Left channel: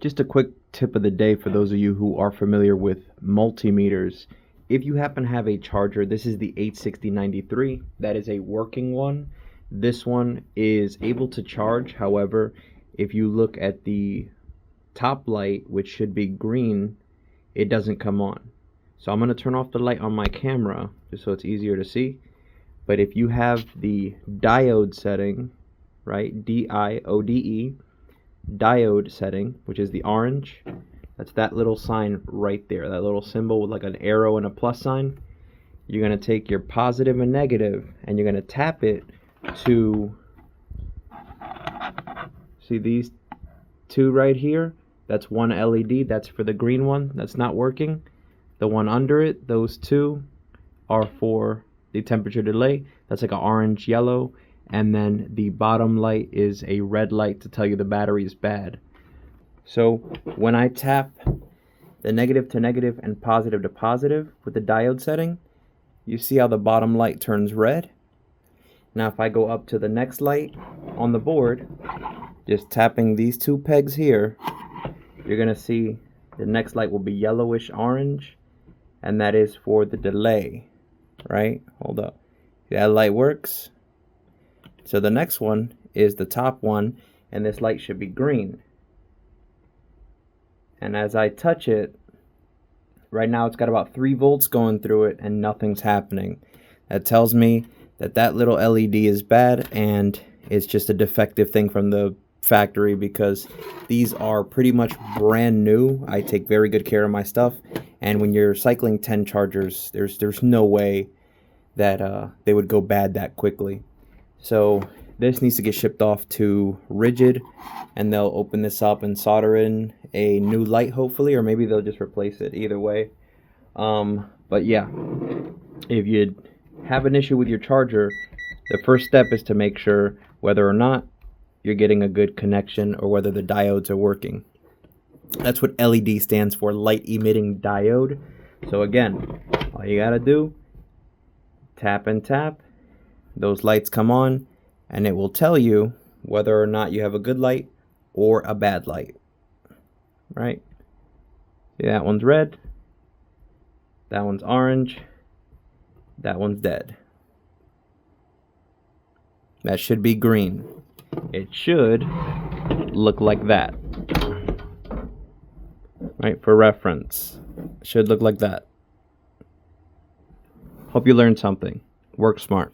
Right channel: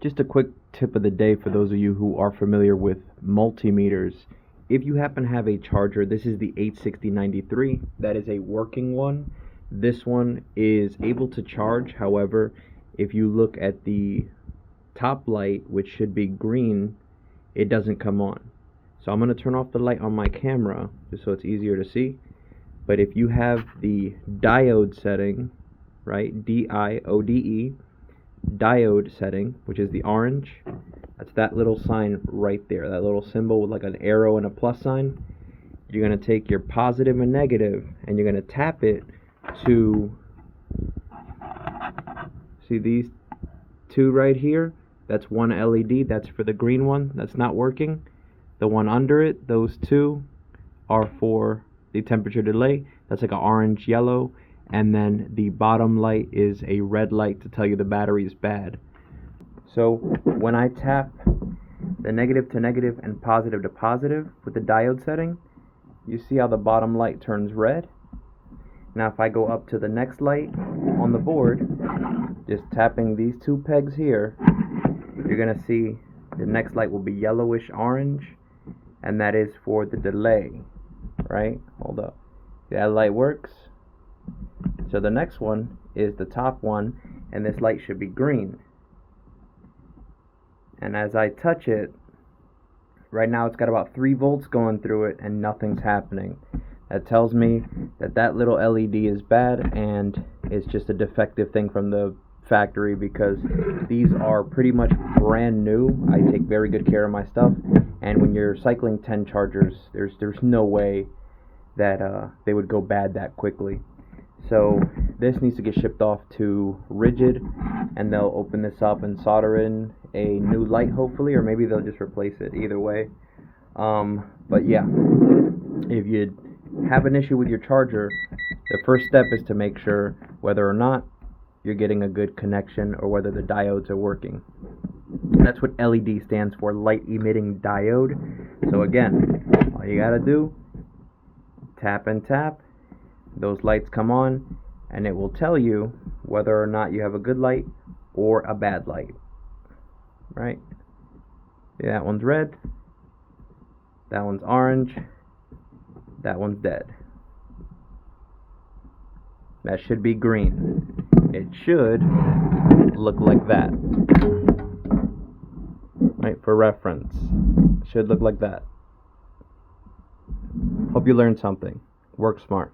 Just a quick tip of the day for those of you who are familiar with multimeters. If you happen to have a charger, this is the 86093. That is a working one. This one is able to charge. However, if you look at the top light, which should be green, it doesn't come on. So I'm going to turn off the light on my camera just so it's easier to see. But if you have the diode setting, right, D-I-O-D-E, diode setting, which is the orange, that's that little sign right there, that little symbol with like an arrow and a plus sign. You're going to take your positive and negative and you're going to tap it to, see these two right here? That's one LED, that's for the green one that's not working. The one under it, those two are for the temperature delay. That's like an orange yellow. And then the bottom light is a red light to tell you the battery is bad. So when I tap the negative to negative and positive to positive with the diode setting, you see how the bottom light turns red? Now if I go up to the next light on the board, just tapping these two pegs here, you're gonna see the next light will be yellowish orange, and that is for the delay, right? Hold up. That light works. So the next one is the top one, and this light should be green. And as I touch it, right now it's got about 3 volts going through it and nothing's happening. That tells me that that little LED is bad and it's just a defective thing from the factory, because these are pretty much brand new. I take very good care of my stuff, and when you're cycling 10 chargers, there's no way that they would go bad that quickly. So this needs to get shipped off to Rigid, and they'll open this up and solder in a new light hopefully, or maybe they'll just replace it. Either way, but yeah, if you have an issue with your charger, the first step is to make sure whether or not you're getting a good connection or whether the diodes are working. That's what LED stands for, light emitting diode. So again, all you gotta do, tap and tap, those lights come on, and it will tell you whether or not you have a good light or a bad light, right? See, that one's red, that one's orange, that one's dead. That should be green. It should look like that, right? For reference, it should look like that. Hope you learned something. Work smart.